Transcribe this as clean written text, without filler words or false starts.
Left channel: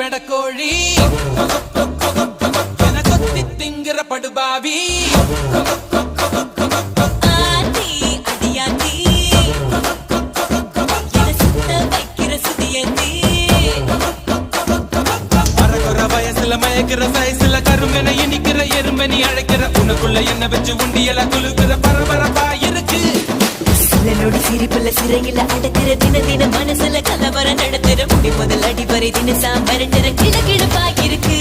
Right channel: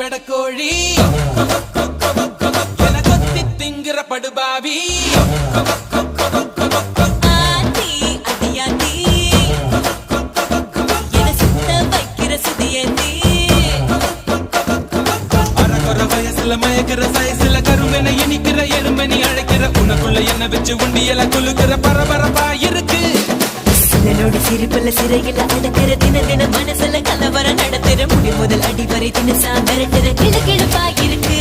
பெடக்கோழி என கொத்தி திங்கிற படுபாவி ஆத்தி அடியாத்தி என சுத்த வைக்கிற சுதியத்தி அரகுற வயசுல மயக்கிற சைஸ்ல கருமென இனிக்கிற எருமனி அழைக்கிற உனக்குள்ள என்ன வச்சு உண்டியல குலுக்கிற பரபரப்பா இருக்கு சிலரோடு சிரிப்புல சிறையில அடக்கிற தின தின மனசுல கலவர நடத்துற முடி முதல் அடிவரை தினசா மிரட்டுற கிழக்கிழப்பா இருக்கு